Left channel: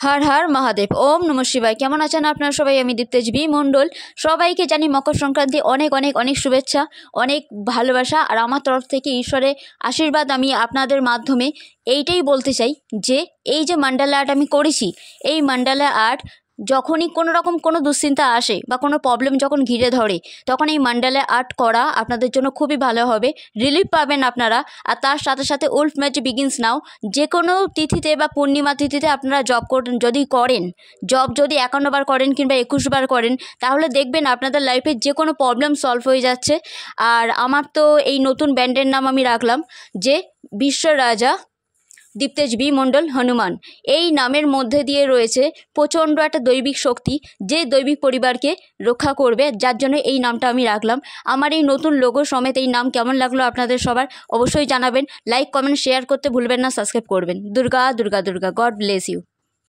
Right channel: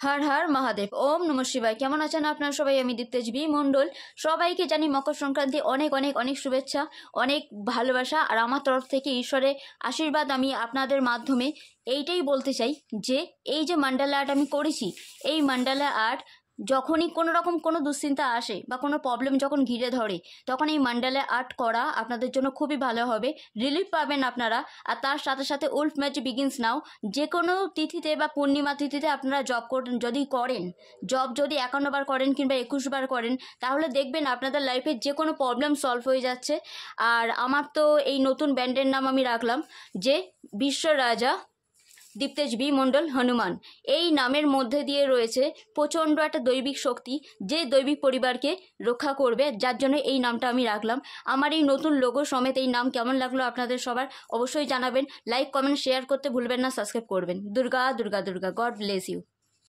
हर हर महादेव ओम नमः शिवाय। केमन आছেন আপনারা সবাই? আমি দীপ্তেশ বি মণ্ডল। সবাইকে জানি মকর সংক্রান্তি অনেক অনেক অনেক শুভেচ্ছা, অনেক ভালোবাসা। আর আমার তরফ থেকে ঈশ্বরের আশীর্বাদ আমি আপনাদের মাধ্যমে এইটাই বলতে চাই যে এই যে মান্ডালা আর্ট আমি করেছি, এই মান্ডালা আর্ট যখনই কোনো রকম কোনো দুশ্চিন্তা আসে বা কোনো প্রবলেম যখন ঘিরে ধরে, তখন এই মান্ডালা আর্ট করা আপনাদের জন্য খুবই ভালো হবে, রিলিফ পাবেন আপনারা। আর তার সাথে সাথে উলফ ম্যাজিক বিগিনস নাও। যে কোনো তিথিতে বা পূর্ণিমা তিথিতে আপনারা জব যদি করেন, জব যদি 51 বার করেন কিংবা 21 বার করেন, তাহলে দেখবেন আপনাদের লাইফে যে কোনো প্রবলেম সলভ হয়ে যাচ্ছে। আর আমার তো এই নতুন ব্যান্ডের নাম আমি রাখলাম যে বিশ্ব রাজা দীপ্তেশ বি মণ্ডল হনুমান। এই নামের মধ্যে দিয়ে রয়েছে প্রচণ্ড একটা দৈবিক শক্তি, যে দৈবিক পরিবারকে রক্ষা করবে, যার জন্য এই নামটা আমি রাখলাম। আমার এই নতুন লোগো সমেত এই নাম কেমন লাগলো আপনাদের সবার অবশ্যই জানাবেন। লাইক কমেন্ট শেয়ার করতে ভুলবেন না, সাবস্ক্রাইব করবেন। Durga Durga Durga. God bless you.